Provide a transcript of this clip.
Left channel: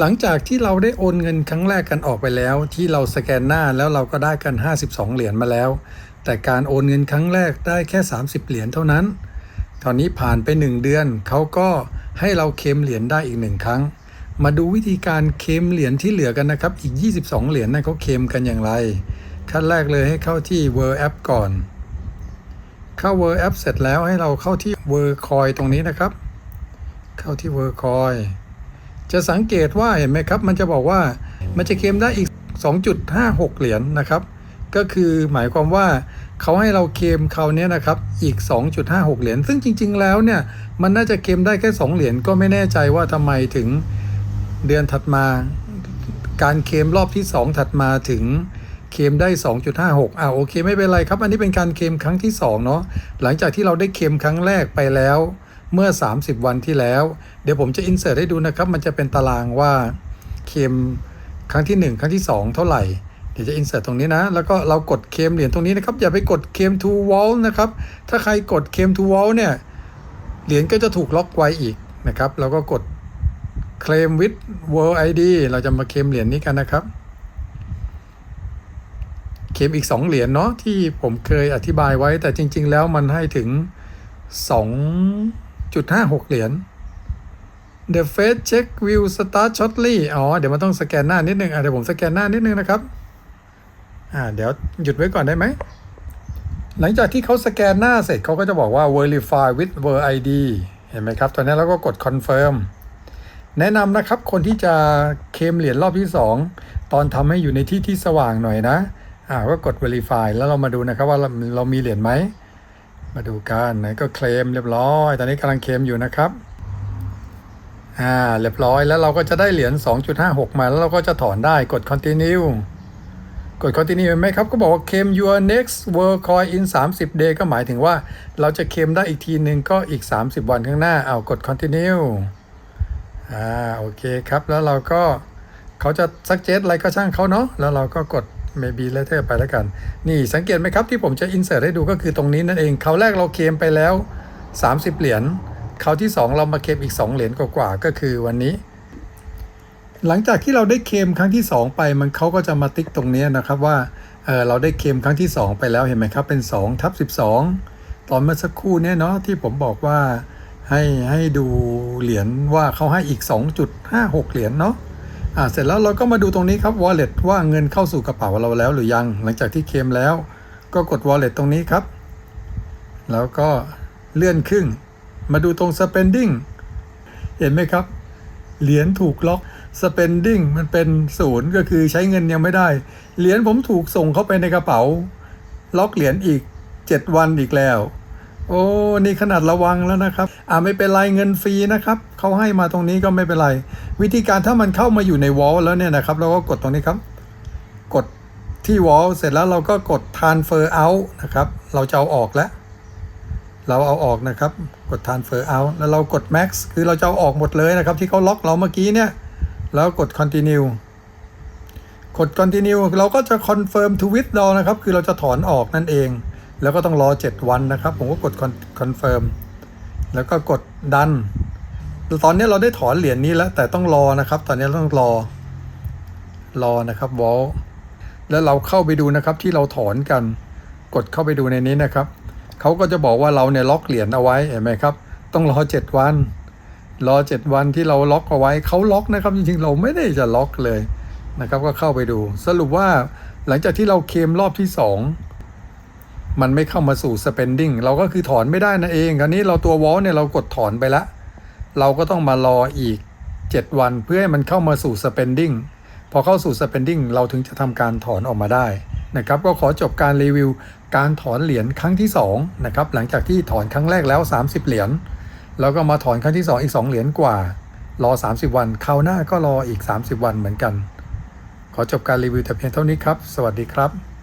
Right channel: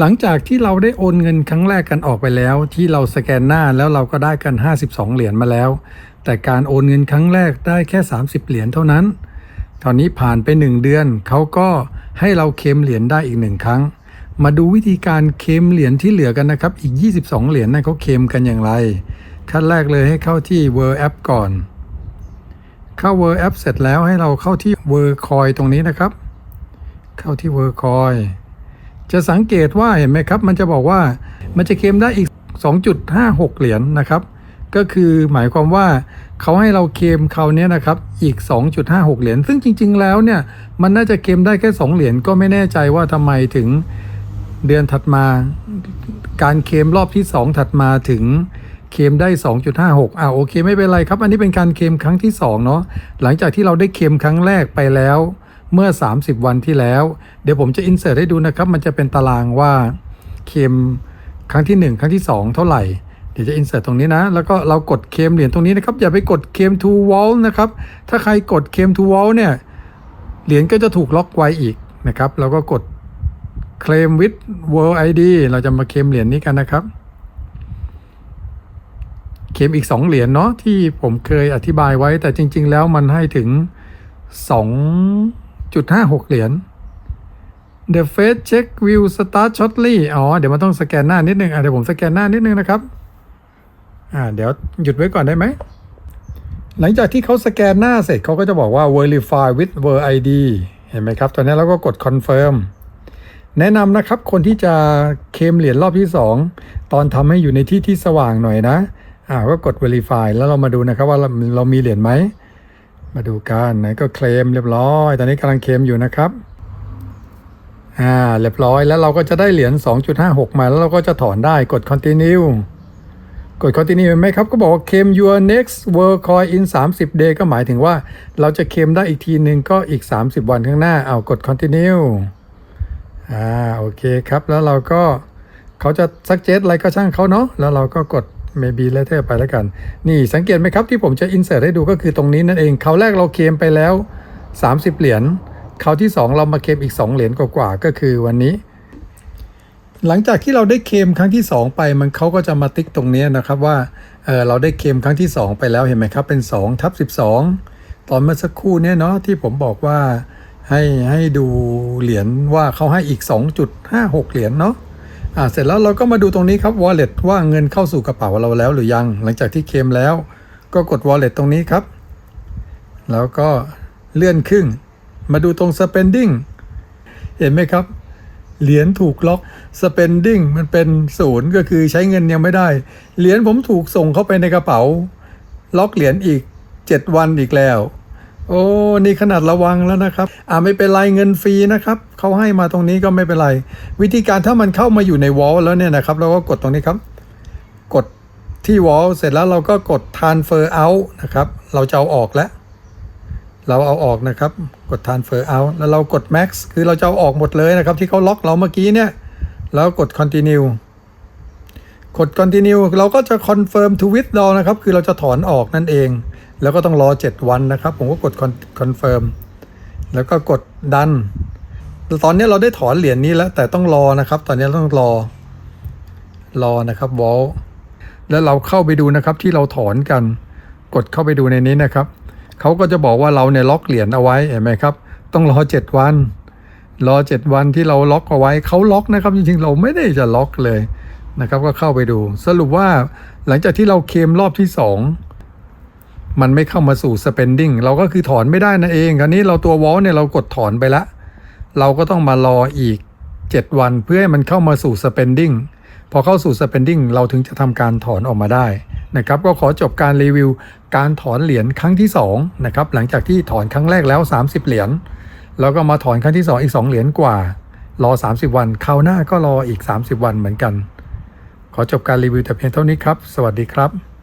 หลังจากที่เราได้โอนเงินครั้งแรกกันออกไปแล้ว ที่เราสแกนหน้าแล้วเราก็ได้กัน 52 เหรียญมาแล้ว แต่การโอนเงินครั้งแรกได้แค่ 30 เหรียญเท่านั้น ตอนนี้ผ่านไป 1 เดือนเขาก็ให้เราเคลมเหรียญได้อีกหนึ่งครั้ง มาดูวิธีการเคลมเหรียญที่เหลือกันนะครับ อีก 22 เหรียญนะเขาเคลมกันอย่างไร ขั้นแรกเลยให้เข้าที่ World App ก่อน เข้า World App เสร็จแล้วให้เราเข้าที่ World Coin ตรงนี้นะครับ เข้าที่ World Coin จะสังเกตว่าเห็นไหมครับ มันจะบอกว่ามันจะเคลมได้อีก 2.56 เหรียญนะครับ ก็คือหมายความว่าเขาให้เราเคลมเขาวเนี้ยนะครับอีก 2.56 เหรียญซึ่งจริง ๆ แล้วเนี่ยมันน่าจะเคลมได้แค่ 2 เหรียญก็ไม่แน่ใจว่าทำไมถึงเดือนถัดมา การเคลมรอบที่ 2 ถัดมาถึงเคลมได้ 2.56 อ่าโอเค ไม่เป็นไรครับ อันนี้เป็นการเคลมครั้งที่ 2 เนาะ หลังจากที่เราได้เคลมครั้งแรกไปแล้ว เมื่อ 30 วันที่แล้ว เดี๋ยวผมจะอินเสิร์ตให้ดูนะครับ มันจะเป็นตารางว่าเคลมครั้งที่ 1 ครั้งที่ 2 เท่าไหร่ เดี๋ยวจะอินเสิร์ตตรงนี้นะ แล้วก็เรากดเคลมเหรียญตรงนี้นะครับ อย่าไปกดเคลม to wall นะครับ ถ้าใครกดเคลม to wall เนี่ย เหรียญก็จะถูกล็อกไว้อีกนะครับ แล้วก็กดเคลม with world id เราจะมาเคลมเหรียญนี้กันนะครับเคลมอีก 2 เหรียญเนาะที่ผมเคยอธิบายไว้แต่จริง ๆ แล้วมันให้ถึง 2.56 เหรียญ The face check will start shortly อ๋อ เดี๋ยวมันต้องสแกนหน้านิดนึงอะเดี๋ยวผมสแกนหน้านิดนึงนะครับ อ่า เดี๋ยวหยุดไว้ก่อนได้ไหม หลังจากที่เขาสแกนหน้าเสร็จเขาก็จะบอกว่า verify with World ID เห็นไหมครับ ตอนนี้เราก็กด confirm แนะนำนะครับ คนที่จะเคมเหรียญรอบที่ 2 ตอนทำให้อยู่ในที่ที่สว่างหน่อยนะ อ่า ก็กด verify แล้วเรามาดูนะครับว่าเราเรามีเหรียญไหม มาดูกันนะก็เคลมเรียบร้อย ตอนนี้กำลังเคลมอยู่นะครับ อ่า เรียบร้อยแล้วเราก็จะได้เหรียญ 2.56 มาแล้วเราก็จะถอนได้กด continue กด continue ไหมครับ ก็บอกว่า claim your next world coin in 30 day ก็หมายถึงว่าเราจะเคลมได้อีกทีหนึ่งก็อีก 30 วันข้างหน้า เอากด continue อ่า โอเคครับ แล้วเราก็เขาจะ suggest อะไรก็ช่างเขาเนาะ แล้วเราก็กด maybe later ไปแล้วกัน นี่สังเกตไหมครับที่ผมจะ insert ให้ดูก็คือตรงนี้นั่นเองเขาวแรกเราเคมไปแล้ว 30 เหรียญเขาวที่ 2 เรามาเคมอีก 2 เหรียญกว่าๆก็คือวันนี้ หลังจากที่เราได้เคมครั้งที่ 2 ไปมันเขาก็จะมาติ๊กตรงนี้นะครับว่าเเราได้เคมครั้งที่ 2 ไปแล้วเห็นไหมครับเป็น2ทับ12 ตอนเมื่อสักครู่เนี่ยเนาะที่ผมบอกว่าให้ให้ดูเหรียญว่าเขาให้อีก 2.56 เหรียญเนาะ อ่าเสร็จแล้วเราก็มาดูตรงนี้ครับ wallet ว่าเงินเข้าสู่กระเป๋าเราแล้วหรือยัง หลังจากที่เคลมแล้ว ก็กด wallet ตรงนี้ครับ แล้วก็เลื่อนขึ้นมาดูตรง spending เห็นไหมครับ เหรียญถูกล็อก spending มันเป็นศูนย์ก็คือใช้เงินยังไม่ได้ เหรียญผมถูกส่งเข้าไปในกระเป๋า ล็อกเหรียญอีก 7 วันอีกแล้ว โอ้นี่ขนาดระวังแล้วนะครับ อ่าไม่เป็นไรเงินฟรีนะครับเขาให้มาตรงนี้ก็ไม่เป็นไร วิธีการถ้ามันเข้ามาอยู่ในวอลแล้วเนี่ยนะครับเราก็กดตรงนี้ครับ กดที่วอลเสร็จแล้วเราก็กด transfer out นะครับ เราจะเอาออกแล้ว เราเอาออกนะครับ กด transfer out แล้วเรากด max คือเราจะเอาออกหมดเลยนะครับ ที่เขาล็อกเราเมื่อกี้เนี่ย แล้วกด continue กด continue เราก็จะ confirm to withdraw นะครับ คือเราจะถอนออกนั่นเอง แล้วก็ต้องรอ 7 วันนะครับ ผมก็กด confirm แล้วก็กด done ตอนนี้เราได้ถอนเหรียญนี้แล้ว แต่ต้องรอนะครับ ตอนนี้ต้องรอ รอนะครับ wall แล้วเราเข้าไปดูนะครับที่เราถอนกัน กดเข้าไปดูในนี้นะครับเขาก็จะบอกว่าเราเนี่ยล็อกเหรียญเอาไว้เห็นไหมครับ ต้องรอ 7 วัน รอ 7 วันที่เราล็อกเอาไว้เขาล็อกนะครับจริงๆเราไม่ได้จะล็อกเลย นะครับก็เข้าไปดู สรุปว่าหลังจากที่เราเคมรอบที่ 2 มันไม่เข้ามาสู่ spending เราก็คือถอนไม่ได้นั่นเองอันนี้เราตัววอลเนี่ยเรากดถอนไปละ เราก็ต้องมารออีก 7 วันเพื่อให้มันเข้ามาสู่ spending พอเข้าสู่ spending เราถึงจะทำการถอนออกมาได้นะครับก็ขอจบการรีวิวการถอนเหรียญครั้งที่2นะครับหลังจากที่ถอนครั้งแรกแล้ว 30 เหรียญแล้วก็มาถอนครั้งที่ 2 อีก 2 เหรียญกว่า รอ 30 วันคราวหน้าก็รออีก 30 วันเหมือนกัน ขอจบการรีวิวแต่เพียงเท่านี้ครับ สวัสดีครับ